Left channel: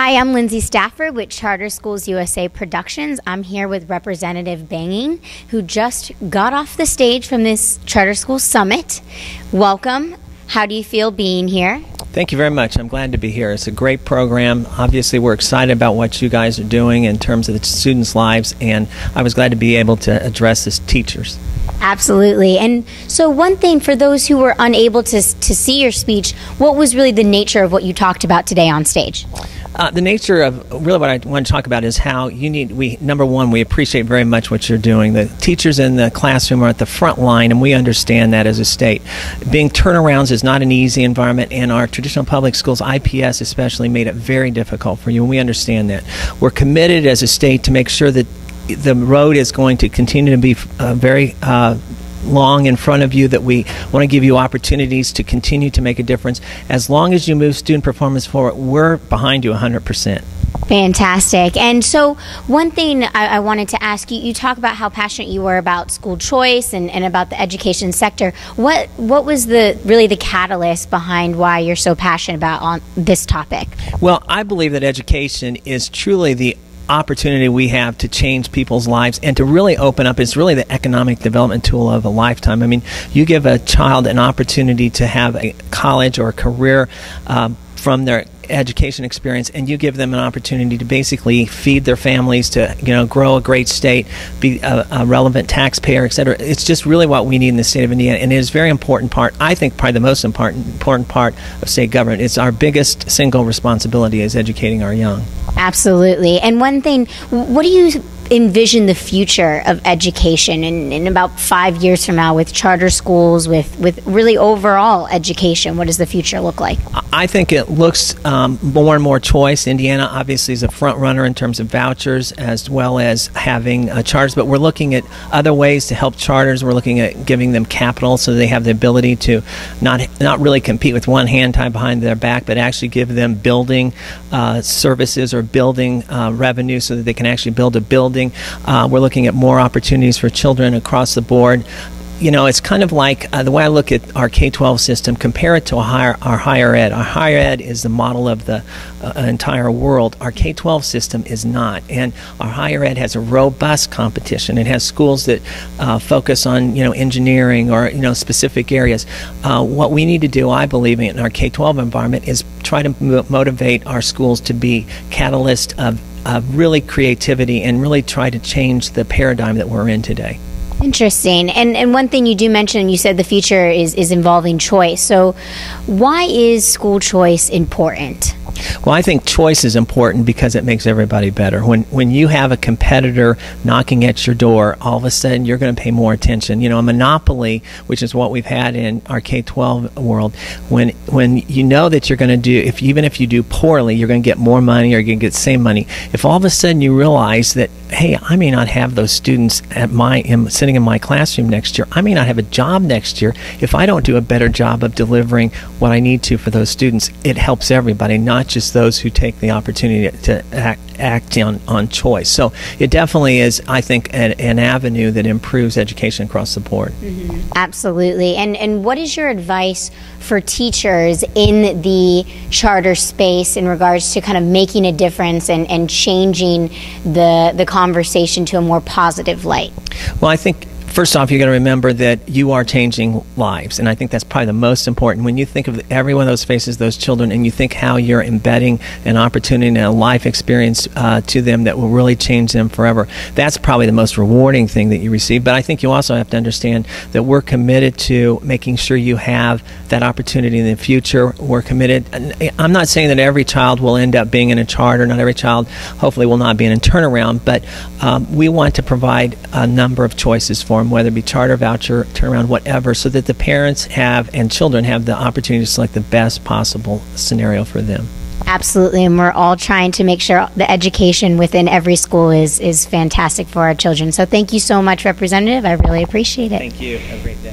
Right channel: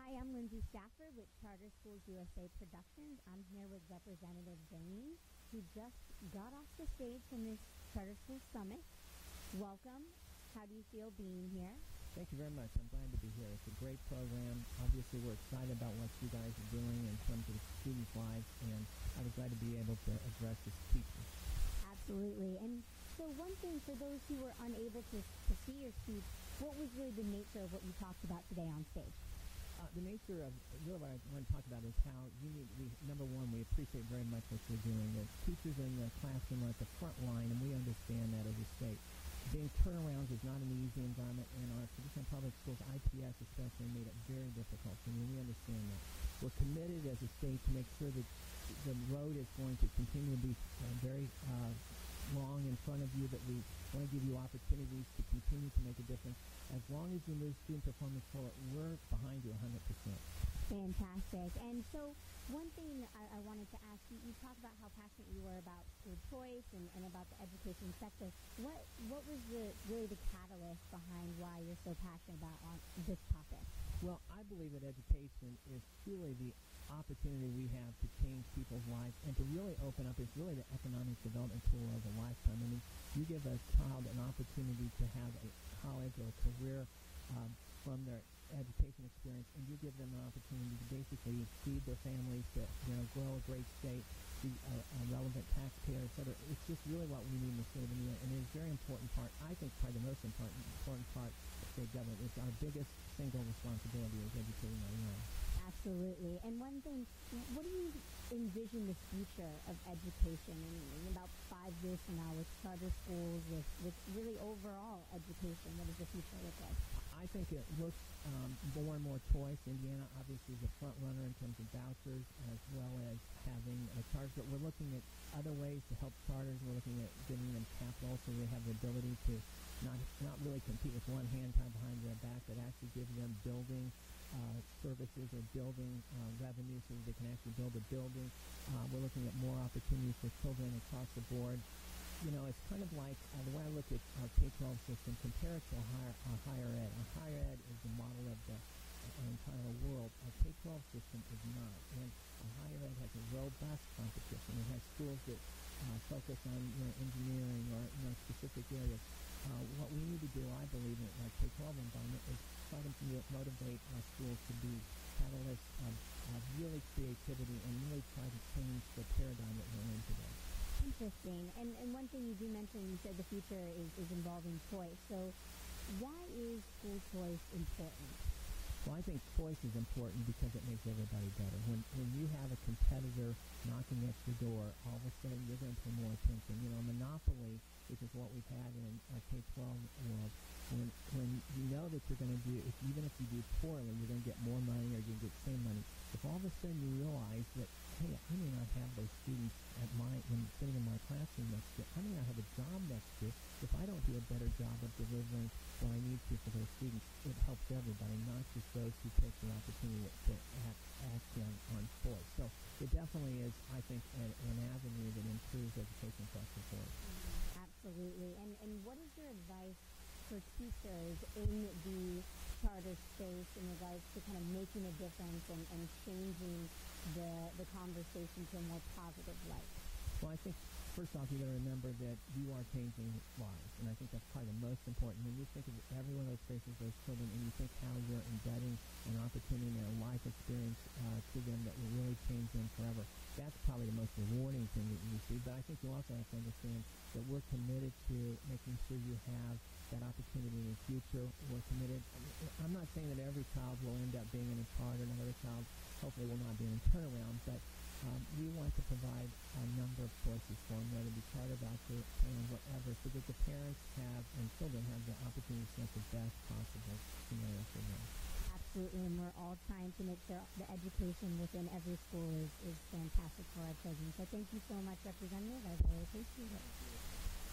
Hi, I'm Lindsay Stafford with Charter Schools USA Productions. I'm here with Representative Bain, who just got off the stage from this Charter Schools Summit. Welcome. How do you feel being here? Thank you very much. I'm glad to be here. It's a great program. Obviously, we're excited about what you guys are doing in terms of the students' lives, and I was glad to be able to address as teachers. Absolutely. And so one thing for those who were unable to see your speech, what was really the nature of what you talked about today on stage? The nature of really what I want to talk about is how number one, we appreciate very much what you're doing. The teachers in the classroom are at the front line, and we understand that as a state. Being turnarounds is not an easy environment, and our traditional public schools, IPS especially, made it very difficult for you, and we understand that. We're committed as a state to make sure that the road is going to continue to be very long in front of you, that we want to give you opportunities to continue to make a difference. As long as you move student performance forward, we're behind you 100%. Fantastic. And so one thing I wanted to ask you, you talk about how passionate you were about school choice and about the education sector. What was really the catalyst behind why you're so passionate about on this topic? Well, I believe that education is truly the opportunity we have to change people's lives and to really open up. It's really the economic development tool of a lifetime. I mean, you give a child an opportunity to have a college or a career from their education experience, and you give them an opportunity to basically feed their families, to grow a great state, be a relevant taxpayer, etc. It's just really what we need in the state of Indiana, and it is a very important part. I think probably the most important part of state government. It's our biggest single responsibility is educating our young. Absolutely. And one thing, what do you envision the future of education in about 5 years from now with charter schools, with really overall education? What does the future look like? I think it looks more and more choice. Indiana obviously is a front runner in terms of vouchers as well as having charters, but we're looking at other ways to help charters. We're looking at giving them capital so they have the ability to not really compete with one hand tied behind their back, but actually give them building services or building revenue so that they can actually build a building. We're looking at more opportunities for children across the board. It's kind of like the way I look at our K-12 system, compare it to our higher ed. Our higher ed is the model of the entire world. Our K-12 system is not. And our higher ed has a robust competition. It has schools that focus on, engineering or, specific areas. What we need to do, I believe, in our K-12 environment is try to motivate our schools to be catalysts of really creativity and really try to change the paradigm that we're in today. Interesting. And one thing you do mention, you said the future is involving choice. So why is school choice important? Well, I think choice is important because it makes everybody better. When you have a competitor knocking at your door, all of a sudden you're going to pay more attention. A monopoly, which is what we've had in our K-12 world, when you know that you're going to do, even if you do poorly, you're going to get more money or you're going to get the same money. If all of a sudden you realize that, hey, I may not have those students sitting in my classroom next year, I may not have a job next year, if I don't do a better job of delivering what I need to for those students, it helps everybody, not just those who take the opportunity to act on choice. So it definitely is, I think, an avenue that improves education across the board. Mm-hmm. Absolutely. And what is your advice for teachers in the charter space in regards to kind of making a difference and changing the conversation to a more positive light? Well, I think first off, you got to remember that you are changing lives, and I think that's probably the most important. When you think of every one of those faces, those children, and you think how you're embedding an opportunity and a life experience to them that will really change them forever, that's probably the most rewarding thing that you receive. But I think you also have to understand that we're committed to making sure you have that opportunity in the future. We're committed. I'm not saying that every child will end up being in a charter. Not every child, hopefully, will not be in a turnaround, but we want to provide a number of choices for them, whether it be charter, voucher, turnaround, whatever, so that the parents have and children have the opportunity to select the best possible scenario for them. Absolutely, and we're all trying to make sure the education within every school is fantastic for our children. So thank you so much, Representative. I really appreciate it. Thank you. Have a great day.